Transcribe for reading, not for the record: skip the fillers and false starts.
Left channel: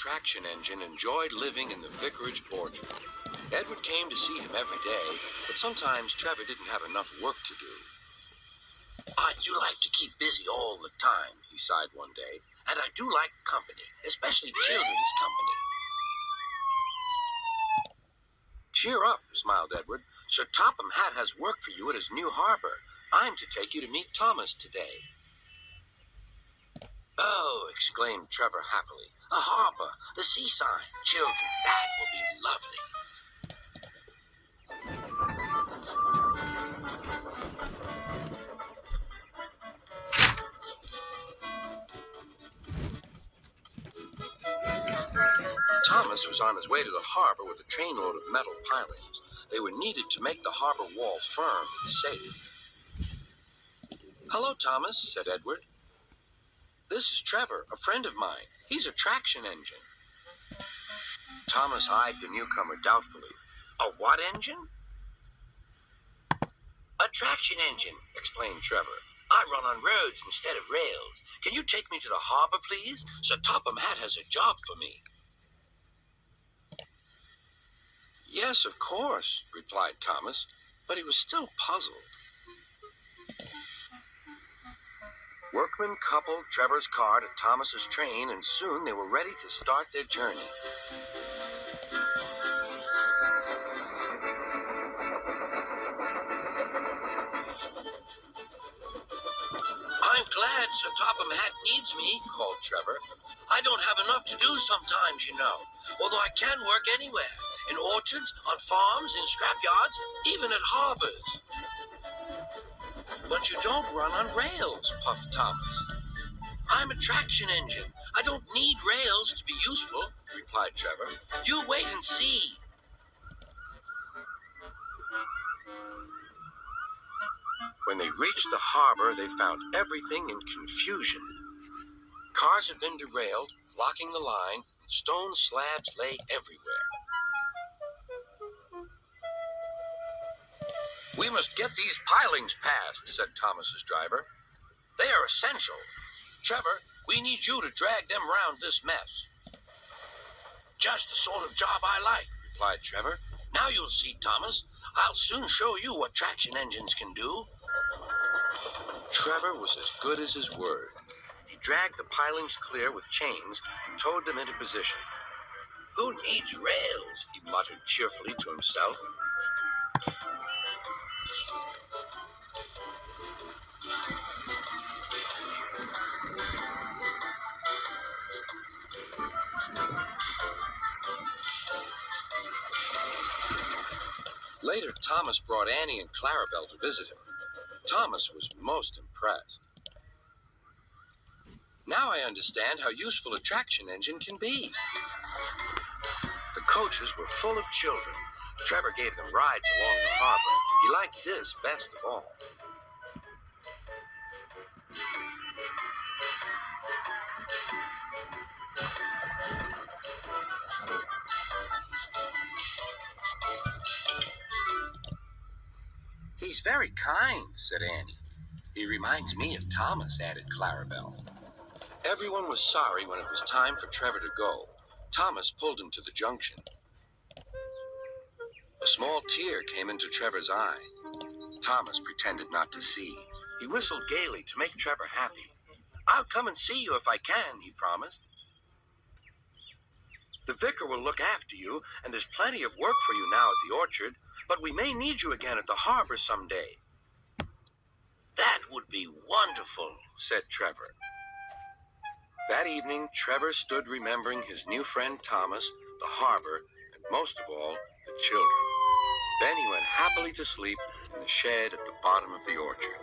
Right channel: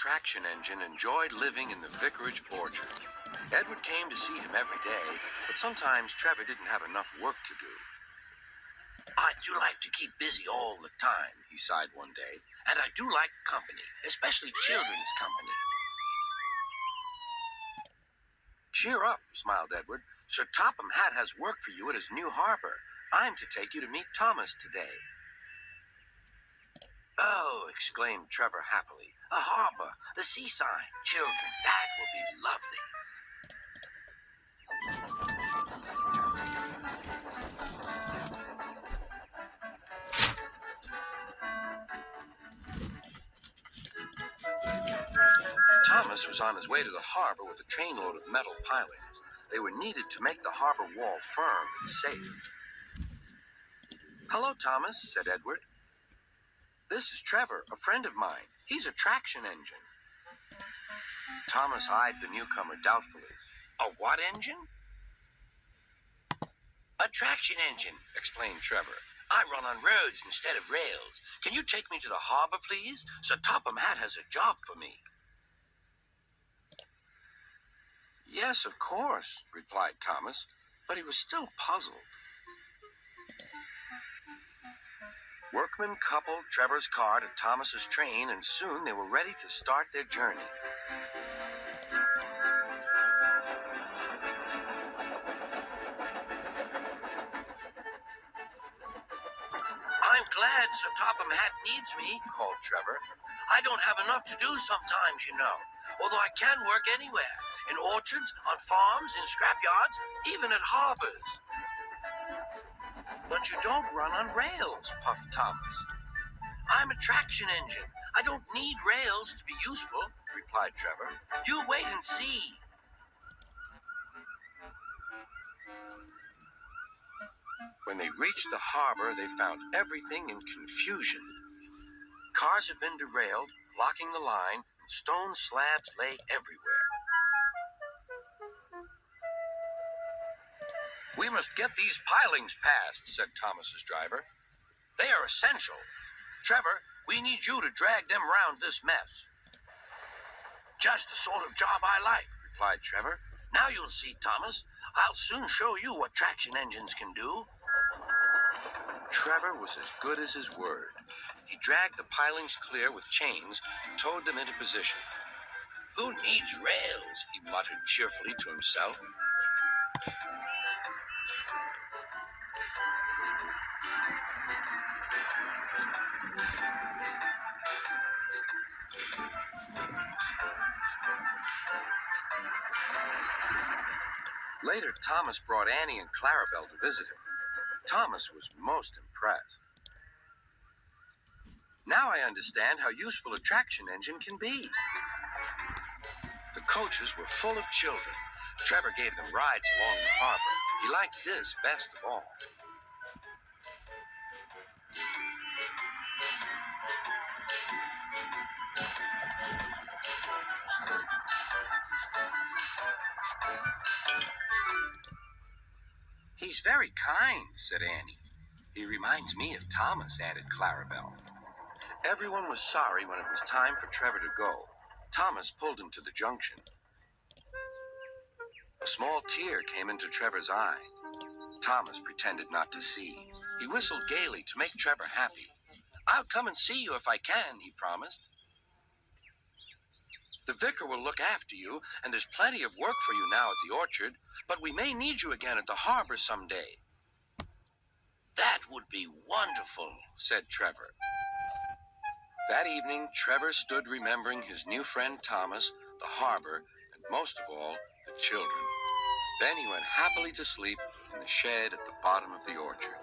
traction engine enjoyed living in the vicarage orchard. Edward came to see him every day, but sometimes Trevor didn't have enough work to do. I do like to keep busy all the time, he sighed one day, and I do like company, especially children's company. Cheer up, smiled Edward. Sir Topham Hatt has work for you at his new harbor. I'm to take you to meet Thomas today. Oh, exclaimed Trevor happily. A harbor, the seaside, children, that will be lovely. Thomas was on his way to the harbor with a trainload of metal pilings. They were needed to make the harbor wall firm and safe. Hello, Thomas, said Edward. This is Trevor, a friend of mine. He's a traction engine. Thomas eyed the newcomer doubtfully. A what engine? A traction engine, explained Trevor. I run on roads instead of rails. Can you take me to the harbor, please? Sir Topham Hatt has a job for me. Yes, of course, replied Thomas, but he was still puzzled. Workmen coupled Trevor's car to Thomas's train, and soon they were ready to start their journey. I'm glad Sir Topham Hatt needs me, called Trevor. I don't have enough to do sometimes, you know, although I can work anywhere, in orchards, on farms, in scrapyards, even at harbors. But you don't run on rails, puffed Thomas. I'm a traction engine. I don't need rails to be useful, replied Trevor. You wait and see. When they reached the harbor, they found everything in confusion. Cars had been derailed, blocking the line, and stone slabs lay everywhere. We must get these pilings passed, said Thomas's driver. They are essential. Trevor, we need you to drag them round this mess. Just the sort of job I like, replied Trevor. Now you'll see, Thomas. I'll soon show you what traction engines can do. Trevor was as good as his word. He dragged the pilings clear with chains and towed them into position. Who needs rails? He muttered cheerfully to himself. Later, Thomas brought Annie and Clarabelle to visit him. Thomas was most impressed. Now I understand how useful a traction engine can be. The coaches were full of children. Trevor gave them rides along the harbor. He liked this best of all. He's very kind, said Annie. He reminds me of Thomas, added Clarabelle. Everyone was sorry when it was time for Trevor to go. Thomas pulled him to the junction. A small tear came into Trevor's eye. Thomas pretended not to see. He whistled gaily to make Trevor happy. I'll come and see you if I can, he promised. The vicar will look after you, and there's plenty of work for you now at the orchard, but we may need you again at the harbor someday. That would be wonderful, said Trevor. That evening, Trevor stood remembering his new friend Thomas, the harbor, and most of all, the children. Then he went happily to sleep in the shed at the bottom of the orchard.